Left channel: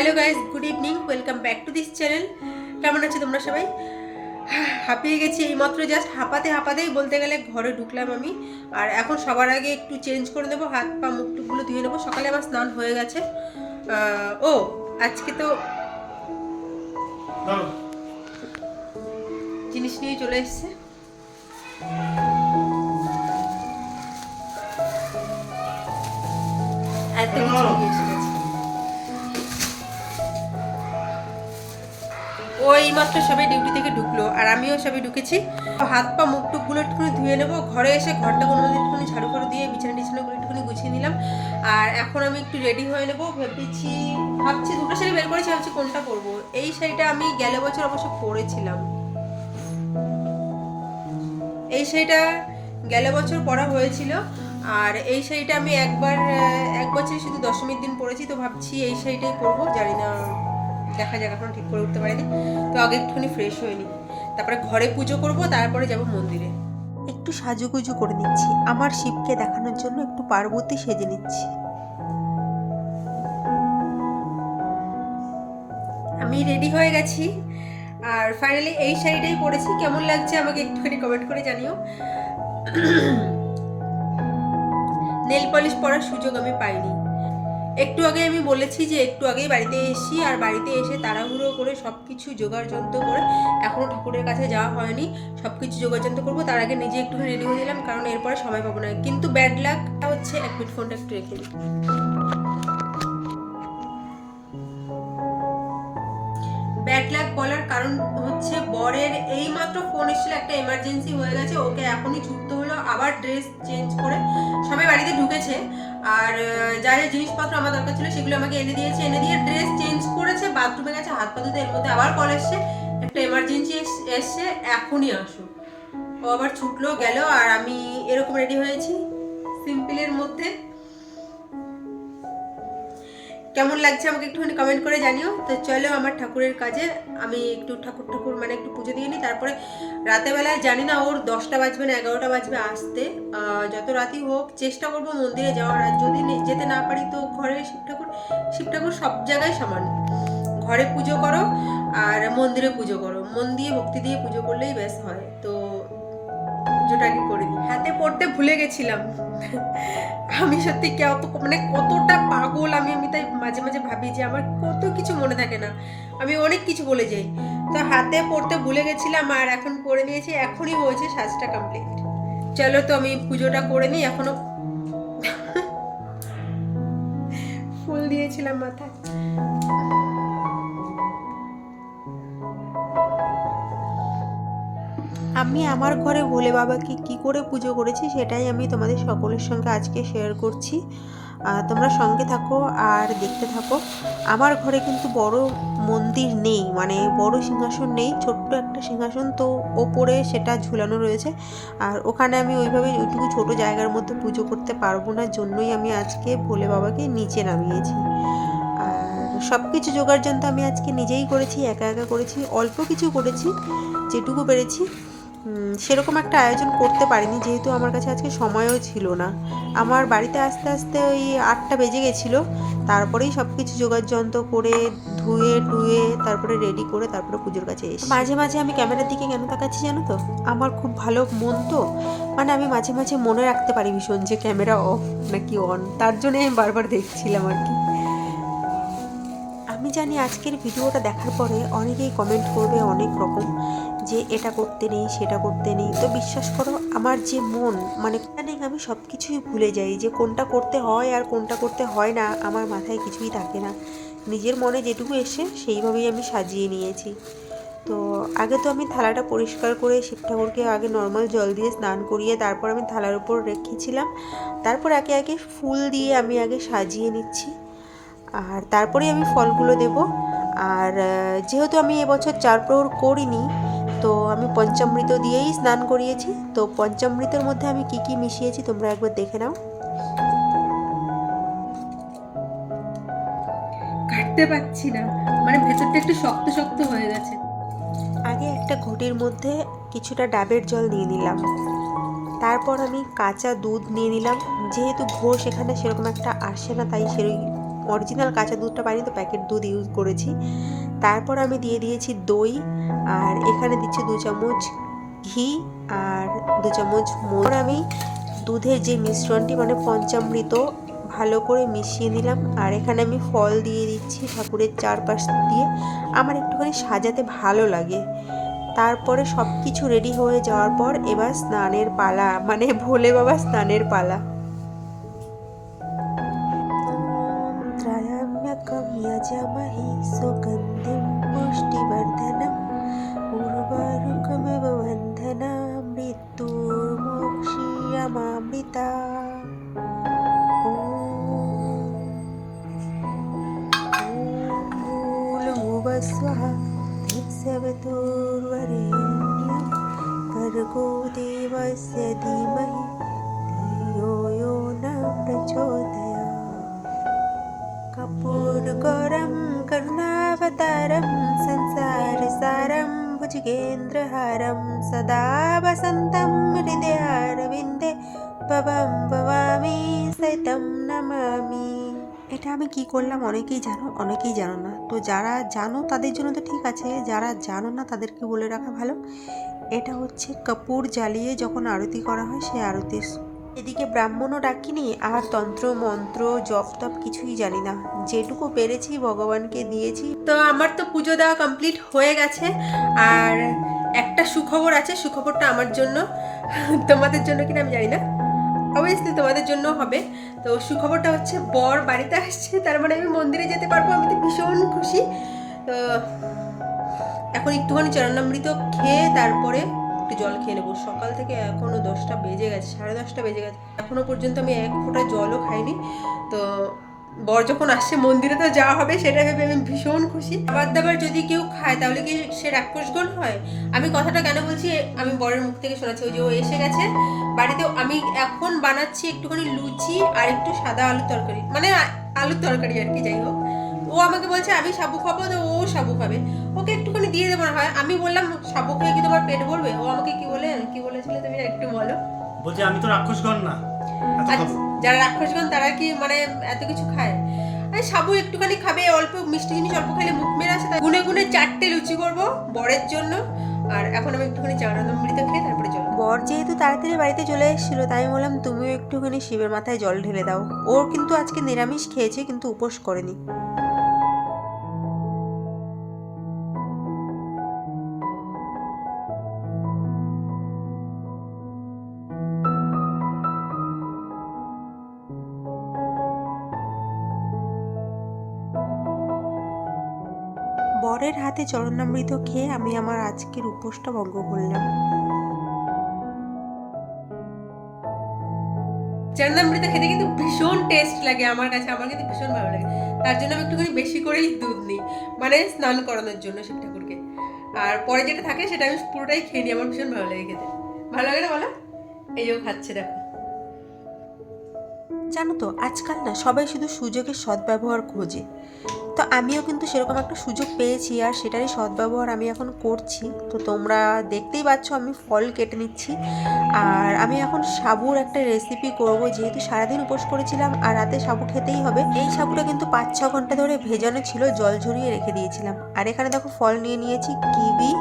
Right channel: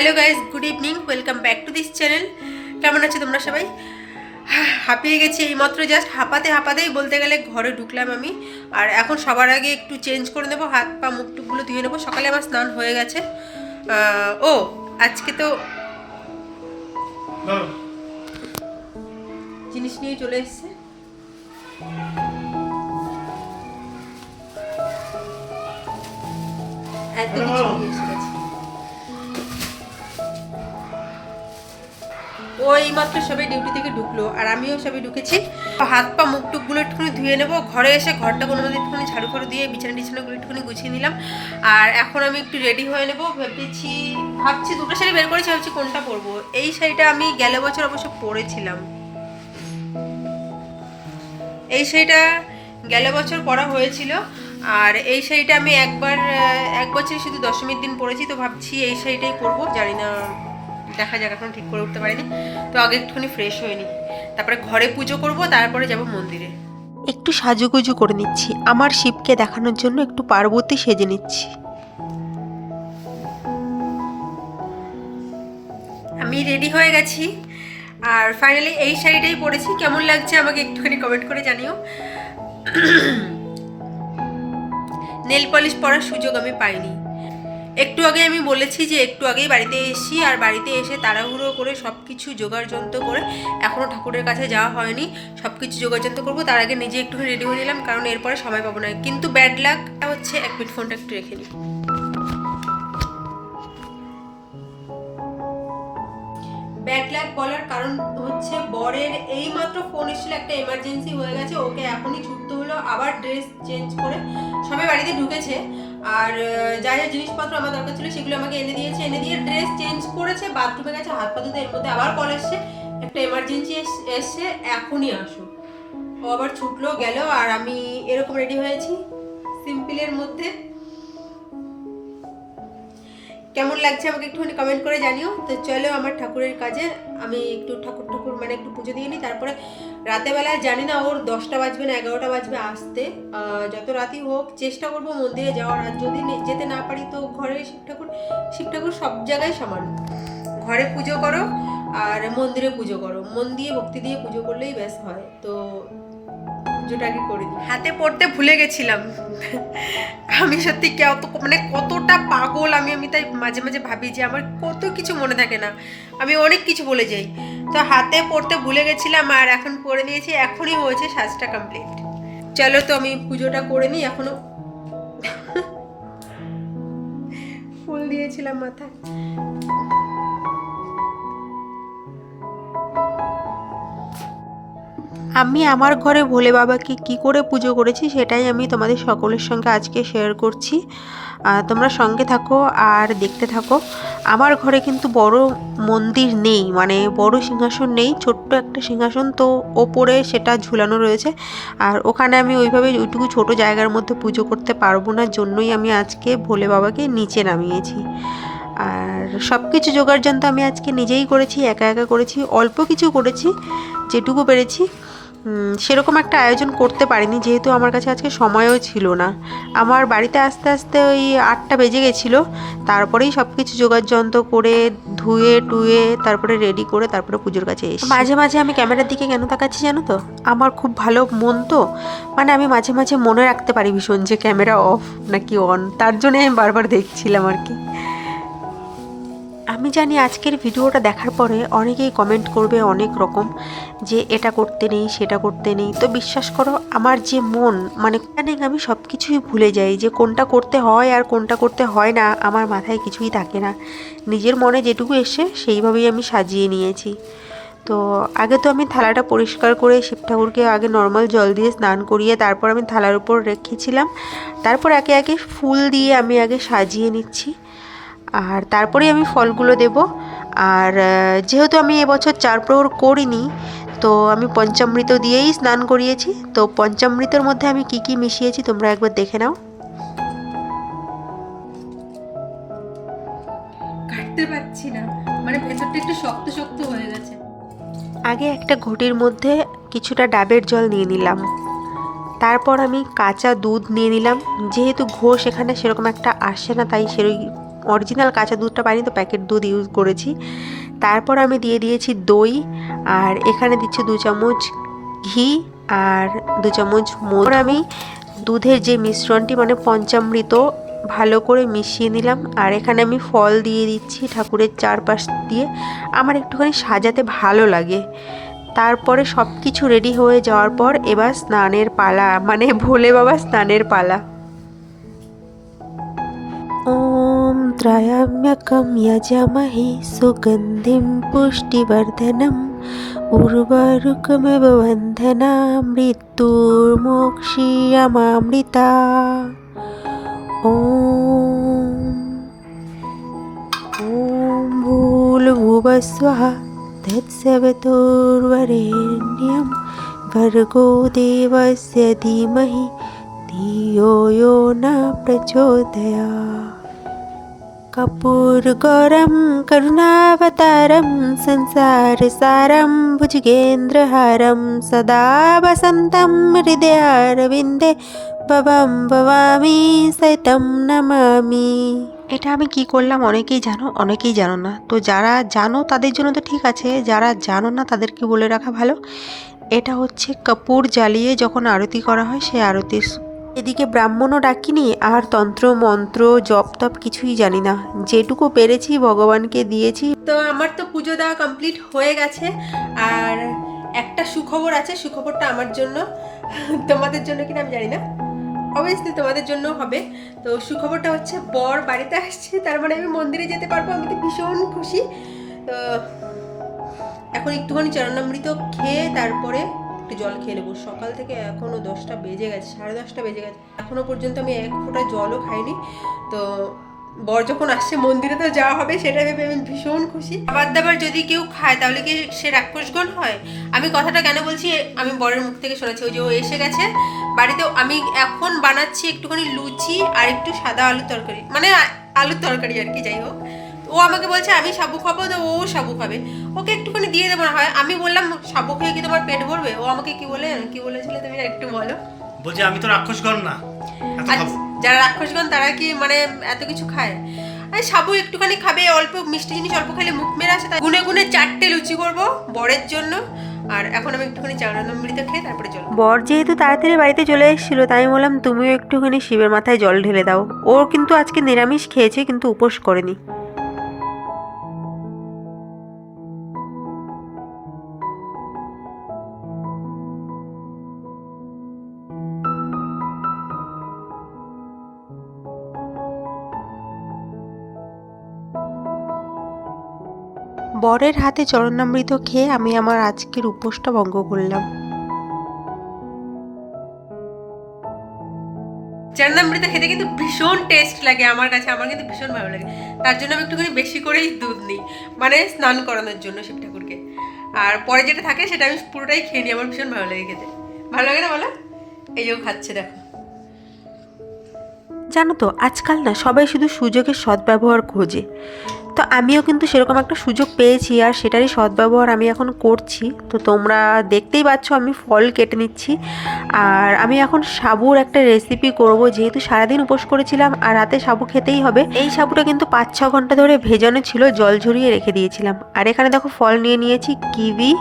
Hello guys good evening welcome back to this channel কেমন আছো তোমরা সবাই? হাঁপিয়ে গেছি এইমাত্র জাস্ট হাঁপাতে হাঁপাতেই বলতে গেলে ঘরে ঢুকলাম আমি। আর এখন সবার আগে একটু চেঞ্জ করে নেব হাত পা মুখ টুকগুলো ধুয়ে নেব। সকালে আমার স্নান হয়ে গেছে। ও আজকে তো জিনিস নিয়ে চলে এসছে। এত কিছু এসে গেছে। সবাই ডিউটি থেকে ঢুকলো, আর আমিও সবাই ঢুকেছি। হাত পা, মুখ টুকগুলো একটুখানি ধুয়ে নেব। ঘরে এসে ঘরটা কোনো মধ্যে একটুখানি ঝাড়ু ফাড়ু দিয়ে বিছানা টিছানাগুলো একটুখানি গুছিয়ে নিলাম। আর এখন আমি একটু রেডি হয়ে নেব। ভেবেছি, ভাবছি দুটো শাড়ি বের করেছি, ভাবছি কোনটা পরবো। এই শাড়িটা আমি গেল বছর অবশ্য পরেছিলাম। এই শাড়িটা গেল বছর পরা হয়েছিল। আর এই শাড়িটা আমি একবার এক বছরই শুধু দশমীর দিন পরেছি, তো ভাবছি এই শাড়িটাই পরবো। জানি না দেখা যাক এখন ঠিক করে উঠতে পারিনি। তো আগে একটুখানি ফ্রেশ হয়ে নিই তারপরে ঘরে পুজো করব তারপরে যাব মন্দিরে। একটু সাজুগুজু করে নিচ্ছি। আমার শিবকে দেখানোর জন্য একটু পার্বতী সেজে নিচ্ছি। আমি রেডি হয়ে গেছি। আর ফাইনালি এই শাড়িটাই পরেছি। কেমন লাগছে আমাকে একটুখানি কমেন্ট করে জানিও। নেল পলিশ পরার সুযোগ আমি পাইনি। একটু আগে আমি বলেছি যে একটু আগেই বাড়িতে এসেছি আর বাড়িতে এসে তাড়াহুড়ো করে সব কিছু যন্ত্র করে এখনও ঠাকুরের কাছে যাওয়া হয়নি। সব কিছু যন্ত্র করব, তার আগে নিজে একটু রেডি হয়ে নিলাম, কারণ এরপরে সময় পাবো না। কিন্তু ব্যাড লাকটা হচ্ছে এক মিনিট ফোনটা একটু রেখে নিই ব্যাড বলার কারণ হচ্ছে বরের এই মাত্র ফোন এসেছিল, একটা এমার্জেন্সি হয়ে গেছে, ওকে এখনই ছুটতে হলো, আবার ড্রেস চেঞ্জ করে সবাই বাড়িতে ঢুকেছে। আর যা যা জিনিসপত্র আমার দরকার ছিল সেগুলো আমাকে এনে দিয়েছে, এনে দিয়ে ড্রেস চেঞ্জ করেছে বাথরুমে গেছে, হাত পা ধুতে এর মধ্যে আবার কল এসছে, একটা এমার্জেন্সি এসছে, এখনই আসো। ও আবার ছুটলো, গেল, আর আমি এরকম রেডি হয়েছি সিম্পলের মধ্যে। কেমন লাগছে আমাকে একটুখানি কমেন্ট করে জানিও। তো চলো আমার ঠাকুরের কাজে, আমি একটু ঠাকুর ঠাকুর মানে একটু পুজো দিয়ে নিই। তারপরে রাতের বেলায় জানি না ওর দশটা বাজবে না এগারোটা বাজবে আসতে। যত রাতই হোক, চেষ্টা করব মন্দিরে যাওয়ার। আর যদি যেতে না পারি তো ঘরে শিব ঠাকুর শিব ঠাকুর সব জায়গায় সমান। ঘরে পুজো করো আর মন্দিরে পুজো করো। মন দিয়ে ভক্তি দিয়ে পুজো করলেই ব্যাস হয়। তো পুজোটা করে দিই। হাতে পড়তে ভুলে গেছিলাম। আমি সত্যি কত মানে কতটা পাগল আমি আমি তাই মাঝে মাঝে ভাবি যে আমার কত কিছু মনে থাকে না। আমি অনেক কিছু বলে যাই। তো হাতে পড়তে ভুলে গেছিলাম আর এখন পরে নিয়েছি এখনই হয়েছে সাজটা কমপ্লিট চলো তো আমি পুজোটা করে নিই, এখনও ফুল দিয়েছিলাম মাথায়। আমি আমার ঘরে ভোলে বাবাকে কি করে পুজো করেছি সেটাই আমি তোমাদের সকলের সঙ্গে আজকে শেয়ার করছি। তোমরা সঙ্গে থাকো আর দেখতে থাকো। আমার ঘরে কিন্তু বড় মন্দির নেই মানে বড় সিংহাসন নেই, ছোট্ট একটা সিংহাসন তো ওপরে সেটা ঝুলানো রয়েছে। আর ওখানে আমি ওইভাবে ওইটুকু ছোট জায়গার মধ্যে পুজো করতে পারব না, জন্যই আমি আজকে ভোলে বাবাকে নিচে নামিয়েছি। আর সব কিছু জোগাড় যন্ত্র আমি আজকে নিজেই করেছি, একা একা করেছি, অল্প কিছু করেছি, যেটুকু পেরেছি। সেরকম একটা আয়োজন করতে পারিনি, যেহেতু আমার কাছে আজকে সময়ও ছিল না। আমার বাড়িতে আস্তে আস্তে ওই আটটা বেজে গেছিল, তারপরেই সব কিছু জোগাড় যন্ত্র করে ধুয়ে, টুয়ে, তারপরে রেডি করে তারপরে পুজোর কাছে এসে মাঝে মাঝে আমি ক্যামেরার দিকে কেন তাকাচ্ছি জানো তো? আমার খুব ভালো মন তো মানে আমি মাঝে মাঝে মনে রাখতে পারি ভীষণ যে ক্যামেরা অফ নাকি অন তার জন্যই আমি বারবার দেখছিলাম আর কি। আমি জানি আজকের ভিডিওটা দেখার পরে অনেকেই কমেন্ট করবে অনেক রকম যে এটা করতে নেই, সেটা করতে নেই। তো বিশ্বাস করো, আমার যে মন মানে জানি আমি সব কিছুই ভুলে যাই যে কোনটা করতে হয় আর কোনটা করতে হয় না, আমার মাথায় কিছুই থাকে না। নিজের মনে যেটুকু এসে সেইভাবেই আমি সাজিয়ে নিয়েছি। তো আগে তো আমি থালাটা পরিষ্কার করে শিব ঠাকুরকে আগে নর্মাল জল দিয়ে স্নান করিয়ে তারপর আমি থালার উপর রেখেছিলাম। তারপর একে একে ফুল দিয়ে আমি আগে সাজিয়ে নিচ্ছি। আর তারপরে আমি ফলগুলো দেব। আর যেহেতু আমি এবছর চার প্রহর করিনি তো আমি পঞ্চামৃত দিয়েই স্নান করিয়েছি। তো পঞ্চামৃতের মধ্যে আমি কি কি মিশিয়েছি তোমরা একবার দেখে নাও। কাটতে পারছি না। মানে ভেতরটা একটু শক্ত শক্ত হয়ে গেছে। আগে একটা ঘটির মধ্যে কিছুটা ডাবের জল নিয়ে নিলাম। তারপর আমি কাঁচা দুধ নিয়ে নিলাম। যেহেতু ঘোষ এখানে সেরকম একটা আসে না তাই সেরকম অরিজিনাল কাঁচা দুধটা পাইনি তো প্যাকেট দুধ ইউজ করেছি। তারপর আমি দিয়ে দিয়েছি দই, আর এখানে দিচ্ছি দু চামচ ঘি আর দু চামচ মোর আমি দুধের যে মিশ্রণটি মানে পঞ্চামৃত, ভালো করে মিশিয়ে নিলাম। আর এখানে আমি ফল দিয়ে দিচ্ছি ঠাকুরের চারপাশ দিয়ে। আমার একটুখানি সাজাতে ভালো লাগে। তারপরে সব কিছু রেডি হয়ে যাওয়ার পর এবার স্নানের পালা মানে ভোলে বাবা স্নানের পালা। त्रयम्यकं यजामहे सुगन्धिं पुष्टिवर्धनम्। उर्वारुकमिव वन्दना मृत्युर्मोक्षीयमामृता ॐ भूलभुवस्वः तत्सवितुर्वरेण्यं भर्गो देवस्य धीमहि धियो यो न प्रचोदयात् कपूरगौरं करुणावतारं संसारसारं भुजगेन्द्रहारं सदा वसन्तं हृदयारविन्दे ভবাম ভবামি সৈতম নমামি এটা আমি কি করলাম অনেকেই জানো অনেকেই জানো না তো যারা জানো তাদের জন্য তো ঠিক আছে যারা জানো না তাদেরকে বলে রাখা ভালো এটা হচ্ছে কাপুর জ্বালিয়ে যখন আরতি করা হয় সেই আরতির এদিকে ব্রাহ্মণও ডাকিনি, আর তন্ত্র, মন্ত্র, জপ তপ কিছুই জানি না। যেটুকু পেরেছি ভগবানকে দিয়েছি। তো আমার তো পুজো দেওয়া কমপ্লিট হয়ে গেছে, আর একটা সুখবর আছে, সুখবরটা আমার জন্য। তোমাদের জন্য কিনা আমি জানি না। অবভিয়াসলি তোমাদের জন্য হবে। তো সুখবরটা হচ্ছে, বর বাড়িতে আসছে, তার মানে আমি মন্দিরে যেতে পারব, আমি তো ভীষণ খুশি। তো এখন একটুখানি চরণামৃত খেয়ে তারপরে একটু জল খেয়ে নেব। সকাল থেকে এখনও দশটা বেজে গেছে, সাড়ে দশটা বেজে গেছে। এখনও পর্যন্ত আমি এক ফোঁটা জলও খাইনি। তো বর যখন আসছে মন্দিরে তো যাওয়া হবে সেটা ভেবে আমি ভীষণ খুশি। খাবার দাবার যদি কেউ খায় তাহলে কি সে রাক্ষসগণ হয়? আমি কথাটা কেন বলছি? আমি বরের মুখ থেকে শোনাচ্ছি। ওই যে ও এসে গেছে বাড়িতে আমি এখন বানাচ্ছি একটুখানি লুচি আর একটু সাদা আলুর তরকারি। মানে আলুর তরকারি আর কি, যাই হোক। ও আমাকে বলছে আমি সাবু খাব তো ও সাবু খাবে। ওকে একটুখানি দিয়ে দেবো না হয়। আমি বললাম সাবু খেয়ে কি তোমার পেট ভরবে? ও আমাকে কি বলে কি বলেছিলে তুমি একটু বলো। বলছি আমি তো রাক্ষসগণ না এত আর খাব। যারা রাক্ষসগণ তারা কি মানে এত কিছু খায়? আর সাবু একটুখানি খাবে অল্প মিষ্টি জিনিস অল্প খেলে মুখ মেরে আসে তাই গুনে গুনে চারটে লুচি করব বরের জন্য। আর এখন আমি একটুখানি চারণামৃত খেয়ে তারপরে জল বর যেহেতু তাড়াতাড়ি বাড়িতে চলে এসেছিল তাই বললাম তুমিও একটুখানি শিবের মাথায় জল ঢেলে দাও। ওর কিন্তু আজকে নিরামিষ খেয়েছে কিন্তু উপোস করেনি। বরের হাতে চরণামৃত খেয়ে আমি আমার আজকের উপোসটা ভঙ্গ করলাম। চরণামৃত খেতে কিন্তু ভীষণ টেস্ট লাগে আমার কাছে আমার কিন্তু ভীষণ ভালো লাগে। তার জন্য আমি একটুখানি বেশি করেই দুধ নিই মানে স্নান করানোর জন্য শিব ঠাকুরকে। আর পরে যেটা থাকে সেটা আমি পুরোটাই খেয়ে নিই আমার ভীষণ ভালো লাগে খেতে। ভালো লাগে না বলো? এই যে খাচ্ছে দেখো। জানো তো আজকাল না সবাই শুধু সুযোগের সদ্ব্যবহার খোঁজে। তো আমিও কিন্তু সেরকম একটা সুযোগ পেয়েছি আর সেটারই সদ্ব্যবহার আমি এখন করছি। তো তোমরা দেখতেই পাচ্ছ আমি ফল কেটে নিচ্ছি। আর আমি এখন সাবুর একটা রেসিপি করব। যেহেতু সারাদিন উপোস করেছিলাম আর রাতে সাবু খেতেই হবে এই সাবুটা কিন্তু পাঁচ ছ ঘণ্টা ধরে ভেজানো ছিল জল ঝরিয়ে রেখে দিয়েছিলাম। আর এখানে দেখো ফল নিয়ে নিয়েছি কিবি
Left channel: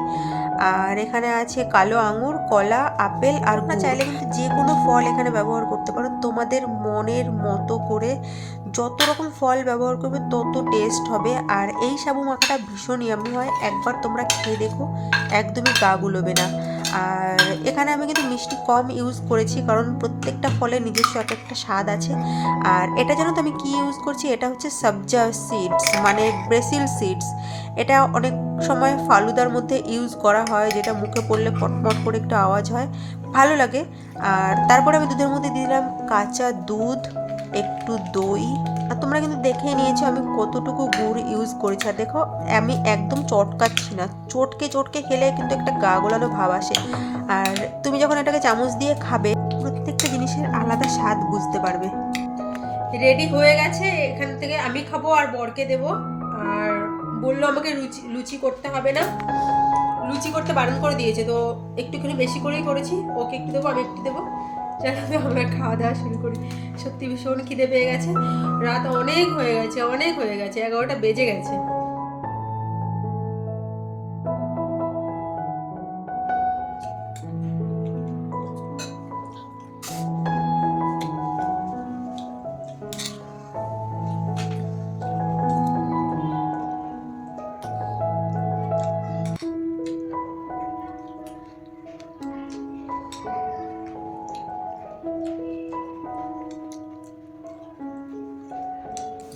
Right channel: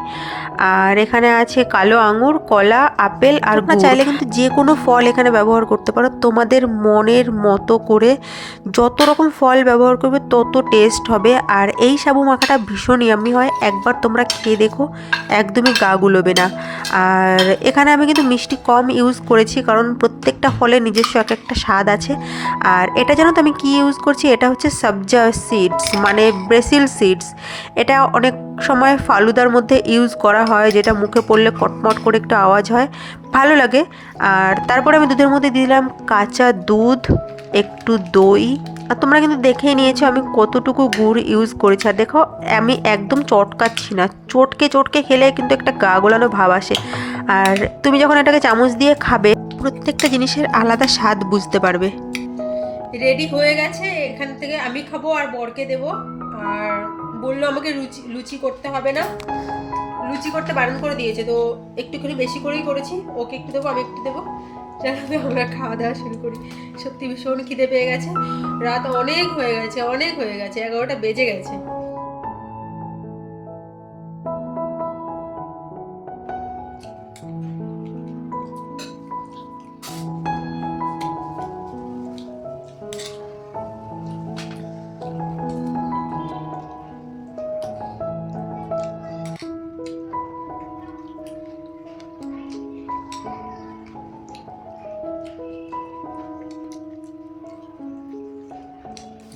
আর এখানে আছে কালো আঙুর কলা আপেল আর না চাইলে কিন্তু যে কোনো ফল এখানে ব্যবহার করতে পারো। তোমাদের মনের মতো করে যত রকম ফল ব্যবহার করবে তত টেস্ট হবে আর এই সাবু মাখাটা ভীষণ ইয়ামি হয়। একবার তোমরা খেয়ে দেখো, একদমই গা গুলোবে না। আর এখানে আমি কিন্তু মিষ্টি কম ইউজ করেছি কারণ প্রত্যেকটা ফলে নিজস্ব এক একটা স্বাদ আছে। আর এটা জানো তো আমি কী ইউজ করছি? এটা হচ্ছে সবজা সিডস মানে ব্রেসিল সিডস এটা অনেক সময় ফালুদার মধ্যে ইউজ করা হয়, যেটা মুখে পড়লে কটমট করে একটু আওয়াজ হয়। ভালো লাগে। আর তারপরে আমি দুধের মধ্যে দিলাম কাঁচা দুধ, একটু দই আর তোমরা কিন্তু দেখেই নিয়েছো আমি কতটুকু গুড় ইউজ করেছি। আর দেখো, আমি একদম চটকাচ্ছি না। চটকে চটকে খেলে কিন্তু একটা গা গোলানো ভাব আসে। আর তুমি যখন এটাকে চামচ দিয়ে খাবে, প্রত্যেকটা জিনিসের আলাদা স্বাদ বুঝতে পারবে। রেডি হয়ে গেছে, এখান থেকে আমি খাব আর বরকে দেব। আর বলল আমাকে লুচি লুচি করতে হবে না। লুচি করতে বারণ করে দিয়েছে, তো একটুখানি বেশি করেই করেছি। ওকে একটু দেবো, আমি একটু দেবো। জানাতে আমরা খাওয়া দাওয়া শুরু করি। সত্যি ভীষণ খিদে পেয়ে গেছে। রাত অনেক হয়ে গেছে, অনেক হয়ে গেছে। এগারোটা বেজে গেছে।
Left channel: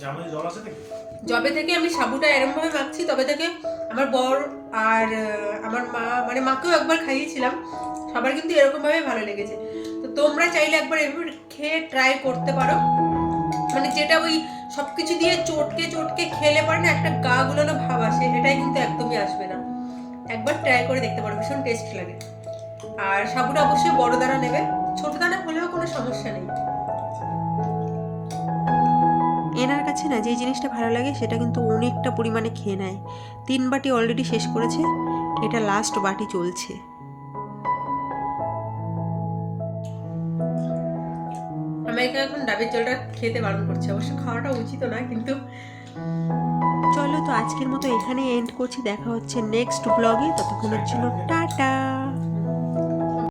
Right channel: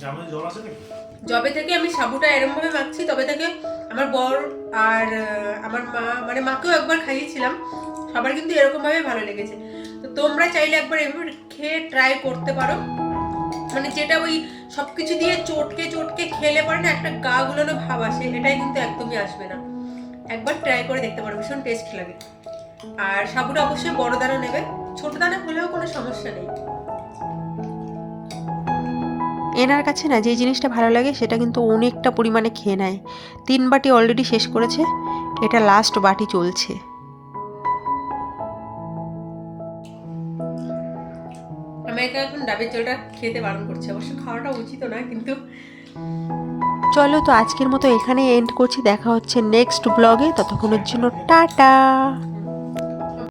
জামাই জল আছে নাকি? যবে থেকে আমি সাবুটা এরমভাবে মাখছি, তবে থেকে আমার বর আর আমার মা মানে মাকেও একবার খাইয়েছিলাম। সবার কিন্তু এরকমভাবে ভালো লেগেছে। তো তোমরা চাইলে একবার এভাবে খেয়ে ট্রাই করতে পারো। মানে যেটা ওই সব কিছু দিয়ে চটকে চটকে খেলে পারে না একটা গা গুলানো ভাব আসে এটাই কিন্তু একদমই আসবে না। একবার ট্রাই করে দেখতে পারো, ভীষণ টেস্ট লাগে। আর সাবুটা অবশ্যই বড় দানা নেবে। ছোট দানা হলেও কোনো সমস্যা নেই। এনার কাছে না যে জিনিসটা ভালো লাগে সেটা কিন্তু অনেকটা পরিমাণে খেয়ে নেয়। তিন বাটি অলরেডি শেষ করেছে এটা লাস্ট বাটি চলছে। আমাকে এখন ডাবের জলটা খেতে বারণ করছে। অবশ্য খাওয়াটা উচিত না কিন্তু চলো তো আজকের মতো এখানে এন্ড করছি। দেখা হচ্ছে নেক্সট ব্লগে ততক্ষণের জন্য টাটা।